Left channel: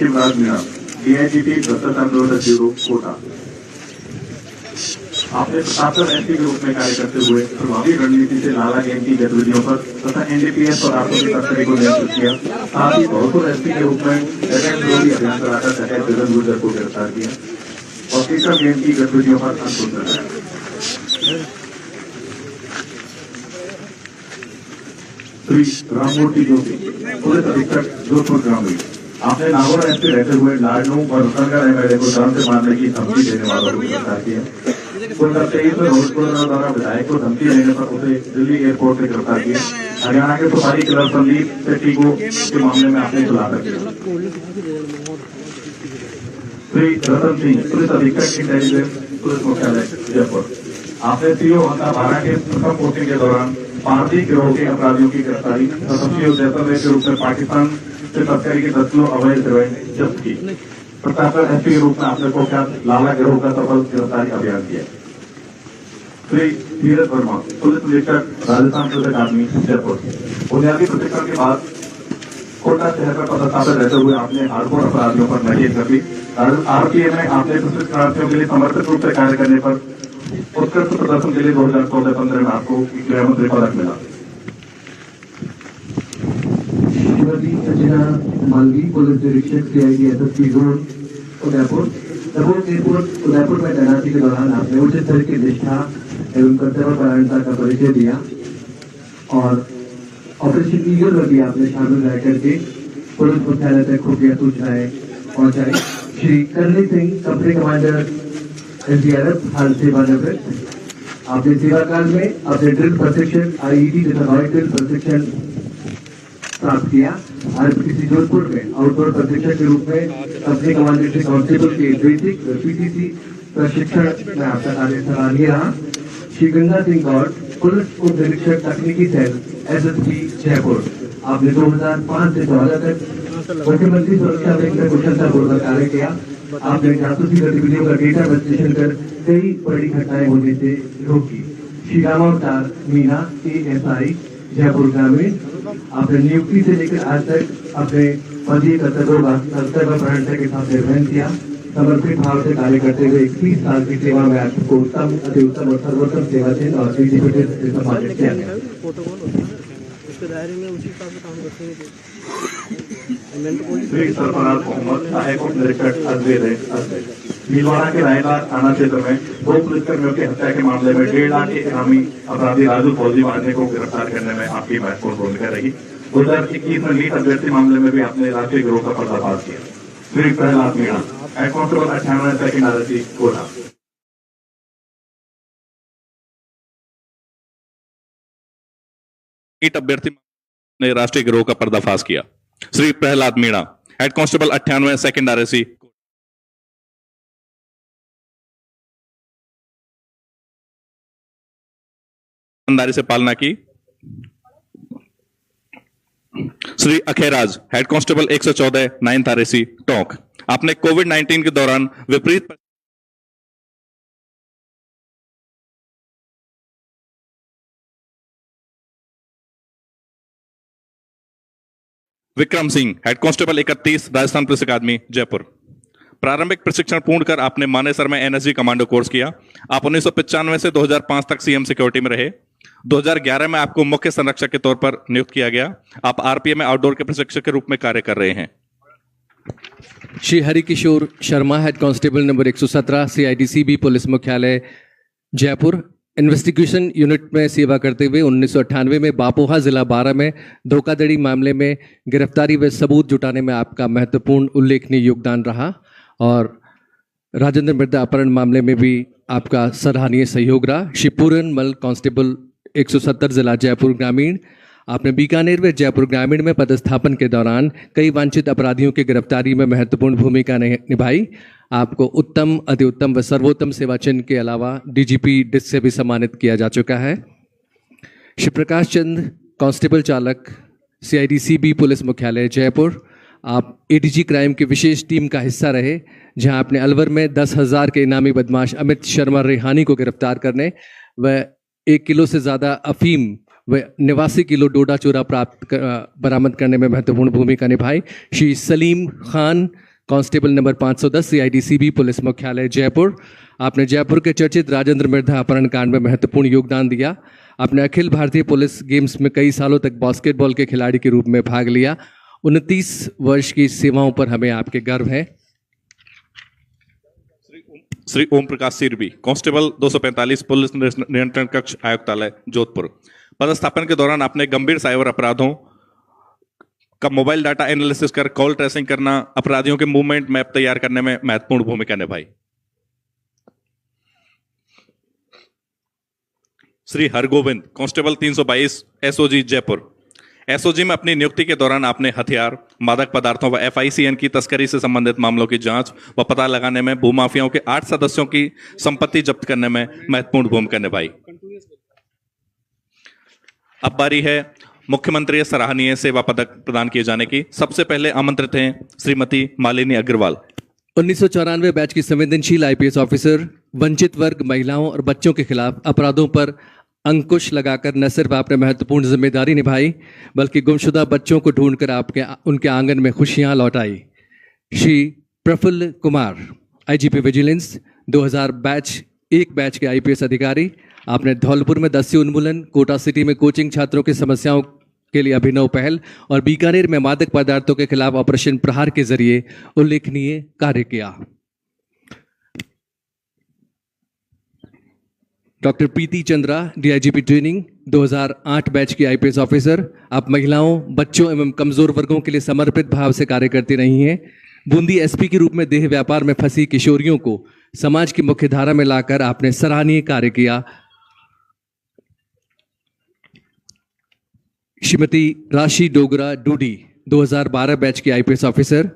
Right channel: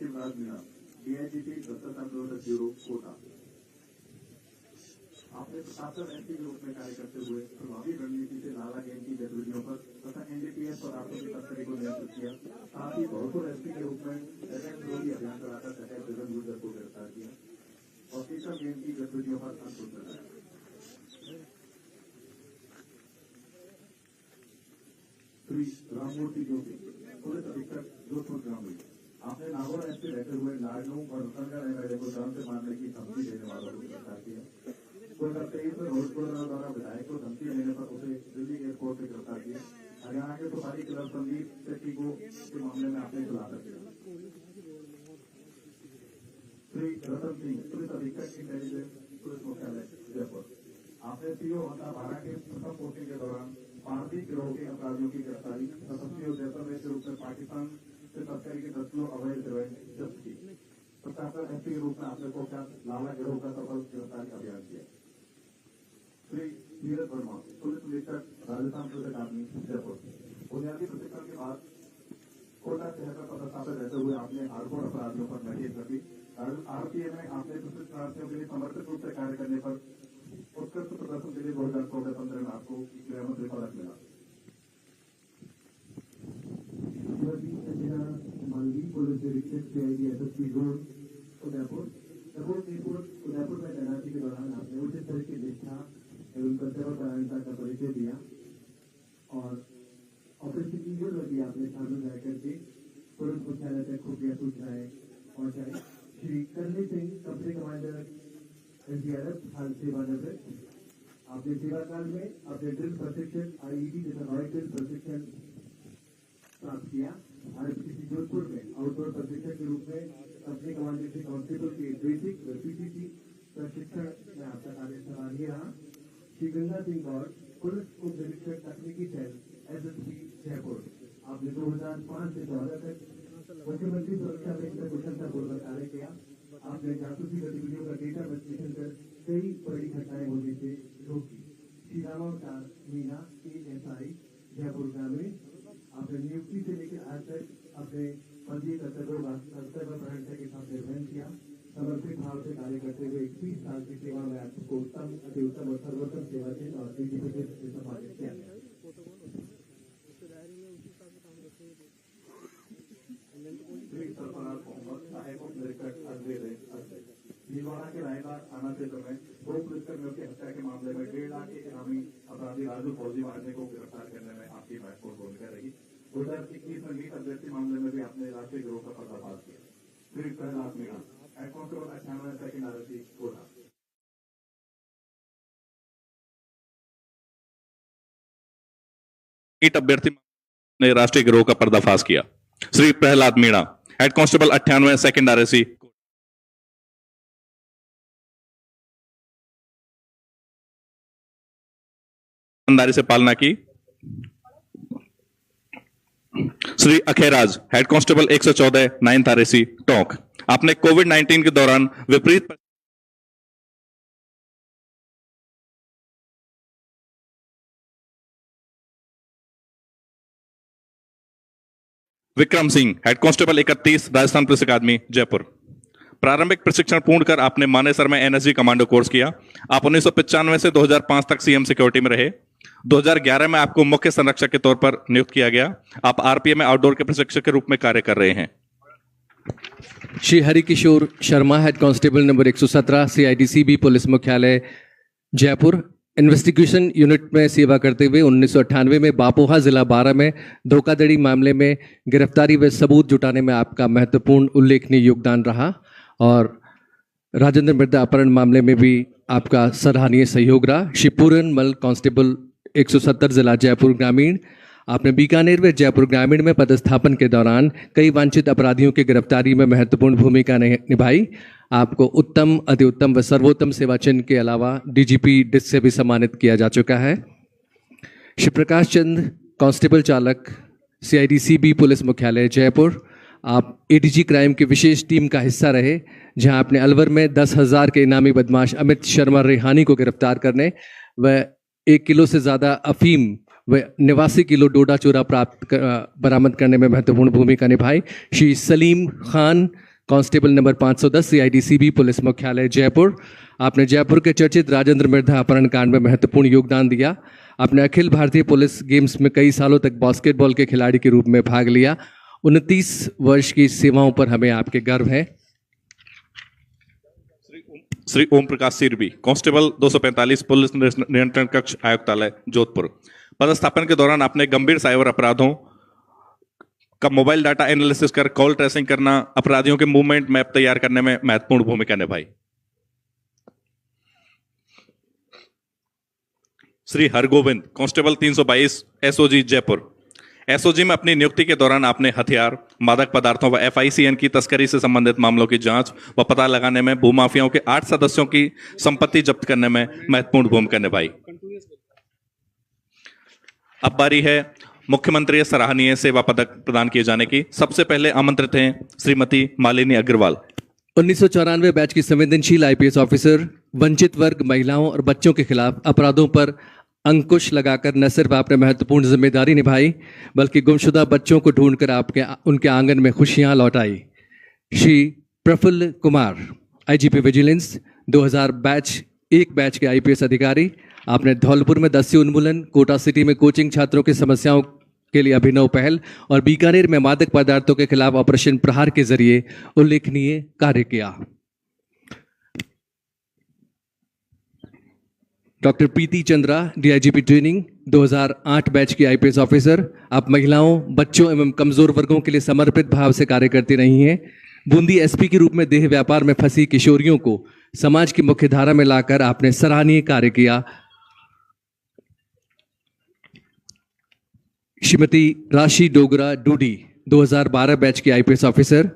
Shivraj Meena, DIGP भ्रष्टाचार निरोधक bureau Kota. आपने प्रतापगढ़ एसपी के रूप में कार्य करते हुए प्रभावी रणनीति से लाला गैंग की गतिविधियों पर तथा NDPS और आर्थिक तस्करी को नियंत्रित किया। साथ ही धौलपुर एसपी के रूप में डकैत विरोधी अभियान चलाकर डकैत गगन गुर्जर को गिरफ्तार किया और केशव गैंग की गतिविधियों पर अंकुश लगाया। श्री राममूर्ति जोशी, पुलिस अधीक्षक जोधपुर ग्रामीण। आपने नागौर एसपी रहते हुए लाडनू और रतनगढ़ MLA को जान से मारने की धमकी देने वालों को गिरफ्तार किया। 2023 में रोहितपुर द्वारा विधायक को धमकी देने पर उसे दिल्ली एयरपोर्ट से गिरफ्तार किया। हरियाणा के सुपारी किलर संदीप सेठी को के मामले में आपने खुलासा किया। श्री रतन सिंह, पुलिस अधीक्षक इंटेलिजेंस, पुलिस मुख्यालय जयपुर। आपने CO 12 के प्रथम पोस्टिंग के दौरान पारसी गिरोह के अपराधियों की गिरफ्तारी तथा जैसलमेर के रूप में पाकिस्तान से तस्करी के 10 किलो अवैध हेरोइन जब्त की। प्रतापगढ़ एसपी के रूप में आपने कुख्यात लाला गिरोह का सफल गिरफ्तारी अभियान किया। श्री धीरज वर्मा, पुलिस निरीक्षक, राजस्थान पुलिस अकादमी जयपुर। बुनियादी प्रशिक्षण के बाद कोटा शहर पर पदस्थापित रहते हुए आपने हार्डकोर अपराधियों पर नकेल कर दी। RPA में आपने प्रशिक्षणार्थियों के लिए समर्पित रूप से कार्य करने पर उत्कृष्ट प्रदर्शन के लिए 2014-15 में आपको गृह मंत्री पदक मिला। श्रीमती संजना मालवी, पुलिस निरीक्षक, CID SSP zone Udaipur. Airport Udaipur में तैनाती के दौरान आपने उच्च स्तर की निष्ठा एवं कर्तव्यपरायणता का परिचय दिया और ऑपरेशन ईगल में भी आपने शामिल रह करके पुलिस मुख्यालय तक खुफिया सूचनाएं पहुंचाई। श्री करनी सिंह, कंपनी कमांडर SDRF, हाल सेवानिवृत्त। आपने सेवा काल में अपने ड्रिल प्रशिक्षण IED तथा रॉयल ड्रिल प्रशिक्षण प्राप्त किया। RPC जोधपुर में आउटडोर प्रशिक्षक के रूप में कंपनी कमांडर कांस्टेबल के बेसिक PTC प्रशिक्षण में आपका कार्य सराहनीय रहा। श्री गंगा सिंह गौड़, पुलिस उप निरीक्षक तकनीकी सेल SSP जयपुर। आपने 2005 से 2014 तक मुख्यमंत्री सुरक्षा बैंक में कुशलतापूर्वक कार्य किया। आपने जासूसी गतिविधियों का डेटा विश्लेषण कर कई बड़ी घटनाएं होने से रोकी। श्री रामावतार मीना, ASI जयपुर ग्रामीण। आपने नियुक्ति से लेकर आज तक अपने पदीय कर्तव्यों का कर्तव्यपरायणता के साथ निर्वहन किया। समर्पित भाव से कार्य करते हुए 21 साल की सेवा में आपको उत्तम, अति उत्तम और सर्वोत्तम सेवा चिन्ह और DGP से सम्मानित किया गया। श्री सरफराज मोहम्मद, सहायक उप निरीक्षक अजमेर भीलवाड़ा के रायला थाना क्षेत्र में 2 पुलिसकर्मियों की हत्या के मामले में 1.5 लाख के इनामी अपराधी राजू फौजी वाले को गिरफ्तार करने में आपकी महत्वपूर्ण भूमिका रही। 2021 में लीड अभ्यर्थी मामले में भी आपने राष्ट्रीय गिरोह का पर्दाफाश किया। Shri Prahlad Meena, head constable 98 second RSC Kota. लीड अभ्यर्थी ने राष्ट्रीय गिरोह का पर्दाफाश किया। Shri Prahlad Meena, head constable 98 second RSC। ईमानदारी से पालना की। Shri Akheraj, head constable 114 9th RSC Tonk. आपने कोविड-19 के दौरान विपरीत Vikram Singh, head constable 31 Rajasthan police अकादमी जयपुर। प्रारंभिक प्रशिक्षण पूर्ण कर आपने मानेसर में NSG कमांडो कोर्स किया। आप 1995 से 2005 तक CM सिक्योरिटी में रहे। 2011 में आपको मुख्य संरक्षक के तौर पर नियुक्त किया गया। आप RPA में आउटडोर के प्रशिक्षक के रूप में कार्य कर रहे हैं। Shri Harikishor Sharma, head constable number 117 CIDCB police मुख्यालय जयपुर। इन्वेस्टिगेशन यूनिट में सेवा करते हुए 1998 में बापोहा जिला 12 में धोखाधड़ी मामले में गिरफ्तारी व सबूत जुटाने में आपका महत्वपूर्ण उल्लेखनीय योगदान रहा और राजेंद्र मृदा अपहरण मामले में भी आपका सराहनीय सहयोग रहा। श्री पूरन मल, कांस्टेबल 170 जिला जयपुर ग्रामीण। आपने बीकानेर व जयपुर ग्रामीण में पदस्थापन के दौरान कई वांछित अपराधियों की गिरफ्तारी में महत्वपूर्ण भूमिका निभाई। आपको उत्तम, अति उत्तम व सर्वोत्तम सेवा चिन्ह के अलावा DGP डिस्क से भी सम्मानित किया जा चुका है। श्री प्रकाश चंद, कांस्टेबल चालक CIDCB पुलिस मुख्यालय जयपुर। आप ADG क्राइम की विशेष टीम का हिस्सा रहे, जहां आपने अलवर में 10,000 के इनामी बदमाश अमित शर्मा रेहानी को गिरफ्तार करने व 1 किलो से ज़्यादा अफीम व 89 किलो डोडा चूरा बरामद करने में महत्वपूर्ण भूमिका निभाई। Shri Salim Khan, constable number 510 CIDCB police मुख्यालय जयपुर। आपने जयपुर के चर्चित राजेंद्र मिर्धा अपहरण कांड में महत्वपूर्ण योगदान दिया। आपने अखिल भारतीय पुलिस गेम्स में कई सालों तक बास्केटबॉल के खिलाड़ी के रूप में भाग लिया। 29 वर्ष की सेवाओं पर हमें आपके गर्व है। श्री ओम प्रकाश सिरबी, कांस्टेबल 245 पुलिस नियंत्रण कक्ष आयुक्तालय जोधपुर। पदस्थापन के दौरान आपने गंभीर साइबर अपराधों का मोबाइल डाटा एनालिसिस कर कॉल ट्रेसिंग करना, अपराधियों के मूवमेंट मैप तैयार करने में महत्वपूर्ण भूमिका निभाई। Shri Hargovind, constable 322 SOG Jaipur. SOG में अपनी नियुक्ति के दौरान आपने हथियार, मादक पदार्थों व एफआईसीएन की तस्करी से संबंधित मामलों की जांच व पता लगाने में, भूमाफियाओं के 8 सदस्यों की संपत्ति जब्त करने में महत्वपूर्ण भूमिका निभाई। अब बारी है मुख्यमंत्री सराहनीय सेवा पदक प्रदान किए जाने की। सबसे पहले आमंत्रित हैं श्रीमती मालिनी अग्रवाल। 1994 बैच की संवेदनशील आईपीएस ऑफिसर, वंचित वर्ग, महिलाओं और बच्चों के खिलाफ अपराधों पर अंकुश लगाकर न सिर्फ आपने महत्वपूर्ण जिम्मेदारी निभाई, बल्कि गुमशुदा बच्चों को ढूंढकर आपके उनके आंगन में खुशियां लौटाई। Shri Praful Kumar, IGP vigilance 2000 batch के आईपीएस अधिकारी। आपने धौलपुर में दस्यु उन्मूलन, कोटा सिटी में कोचिंग छात्रों की समस्याओं के लिए अभिनव पहल और बीकानेर में मादक पदार्थों के खिलाफ ऑपरेशन प्रहार के जरिए उल्लेखनीय कार्य किया। डॉक्टर प्रीति चंद्रा, डीआईजीपी ट्रेनिंग 2008 बैच की आईपीएस ऑफिसर। आप महिलाओं, बच्चों एवं कमजोर वर्गों के लिए समर्पित भाव से कार्य करती रही हैं। बूंदी एसपी के रूप में देह व्यापार में फंसी किशोरियों को समाज की मुख्य धारा में लाकर आपने सराहनीय कार्य किया। श्रीमती राशि डोगरा डूडी, 2012 बैच की आईपीएस ऑफिसर।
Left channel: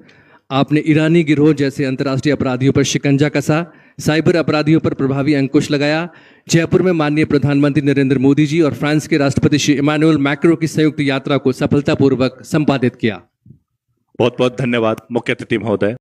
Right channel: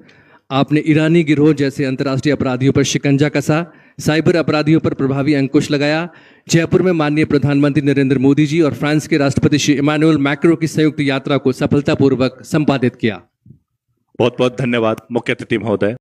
आपने ईरानी गिरोह जैसे अंतर्राष्ट्रीय अपराधियों पर शिकंजा कसा, साइबर अपराधियों पर प्रभावी अंकुश लगाया। जयपुर में माननीय प्रधानमंत्री नरेंद्र मोदी जी और फ्रांस के राष्ट्रपति श्री इमानुएल मैक्रो की संयुक्त यात्रा को सफलतापूर्वक संपादित किया। बहुत बहुत धन्यवाद मुख्य अतिथि महोदय।